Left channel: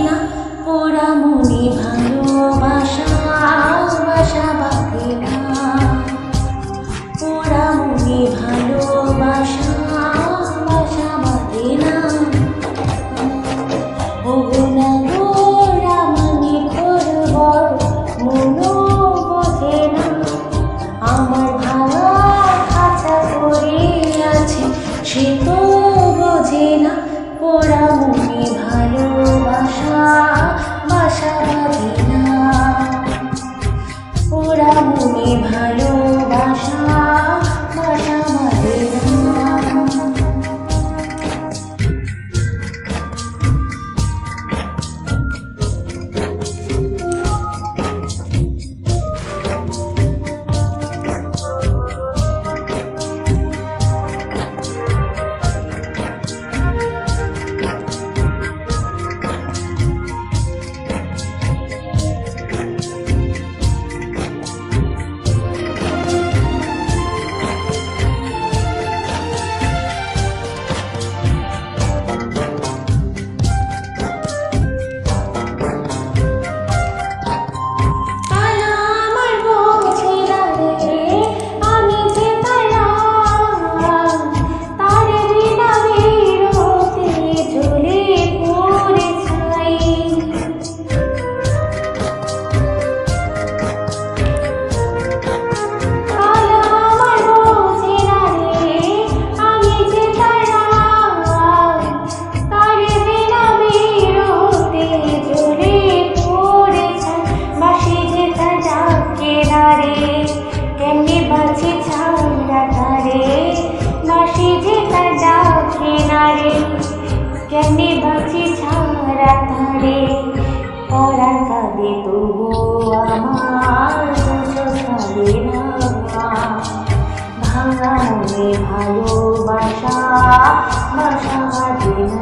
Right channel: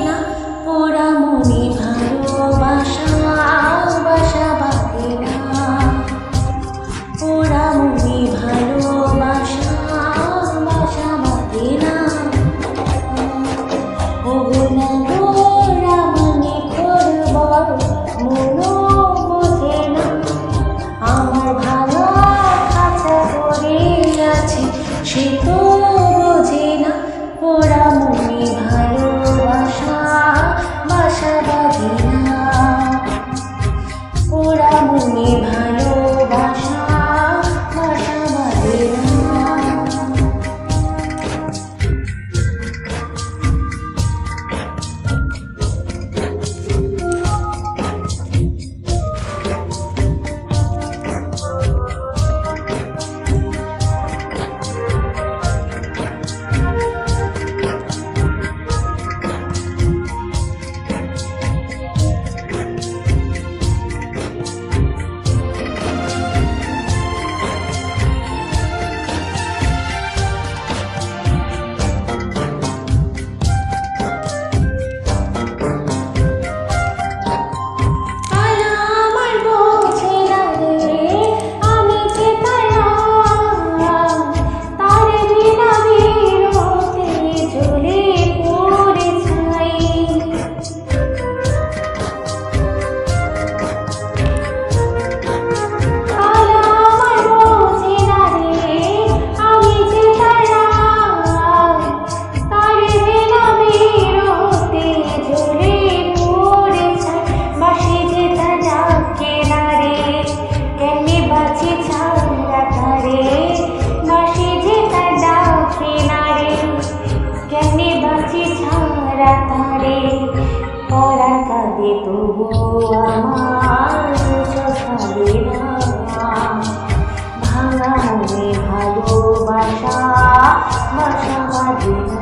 না পোড়া মনে ভালোবাসা বাসা বাঁধে না পোড়া মনে ভালোবাসা বাসা বাঁধে না ওগো না গো রামানি করবর মনো বোঝে না আমার ভাঙা খাঁচা পড়ে আছে সে তো বোঝে না পোড়া মনে ভালোবাসা বাসা বাঁধে না পোড়া মনে ভালোবাসা বাসা বাঁধে না কেমনে বাঁচি ছাড়া তারে বাঁশি যে তার ডাকে না রে কেমনে বাঁচি ছাড়া তারে পরাণ কাঁদে তবু আমার চোখ কাঁদে না ভাঙা মনে ভালোবাসা বাসা বাঁধে না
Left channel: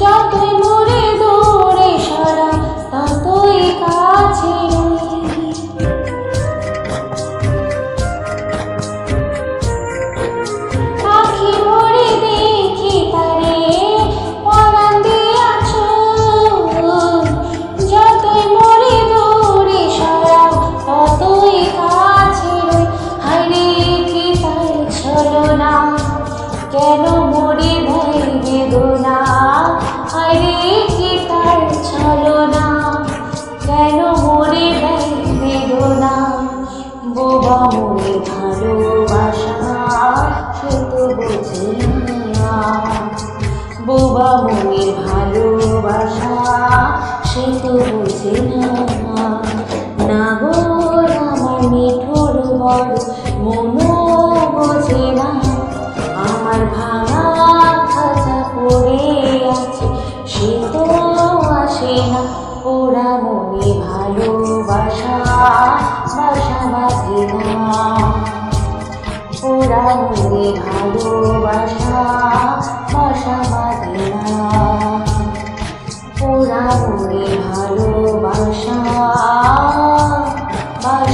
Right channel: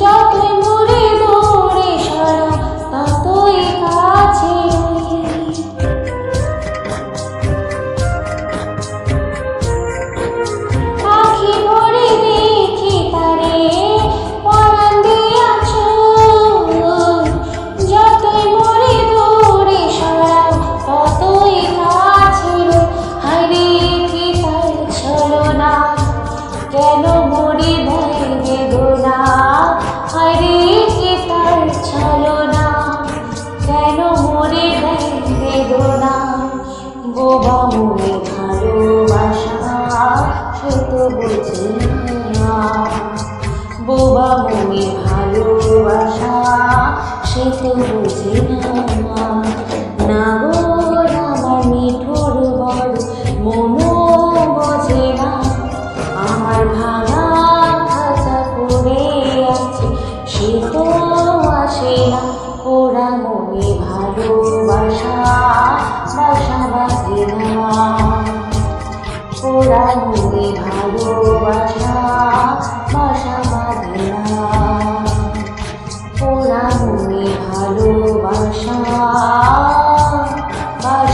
যতই মোরে দৌড়ে সারা ততই কাছে আখি ভরে দেখি তারে পরাণ দিয়াছ যতই মোরে দৌড়ে সারা ততই কাছে রই হায়রে কি তার ছলনা কেন মরে দেয় বেদনা হায়রে কি তার ছলনা কেন মরে দেয় বেদনা বোবা মনে ভালোবাসা সে তো বোঝে না বোবা মনে ভালোবাসা সে তো বোঝে না গো আমার মিঠুর বড় মনো বোঝে না আমার ভাঙা খাঁচা পড়ে আছে সে তো আসে না পোড়া মনে ভালোবাসা বাসা বাঁধে না পোড়া মনে ভালোবাসা বাসা বাঁধে না পোড়া মনে ভালোবাসা বাসা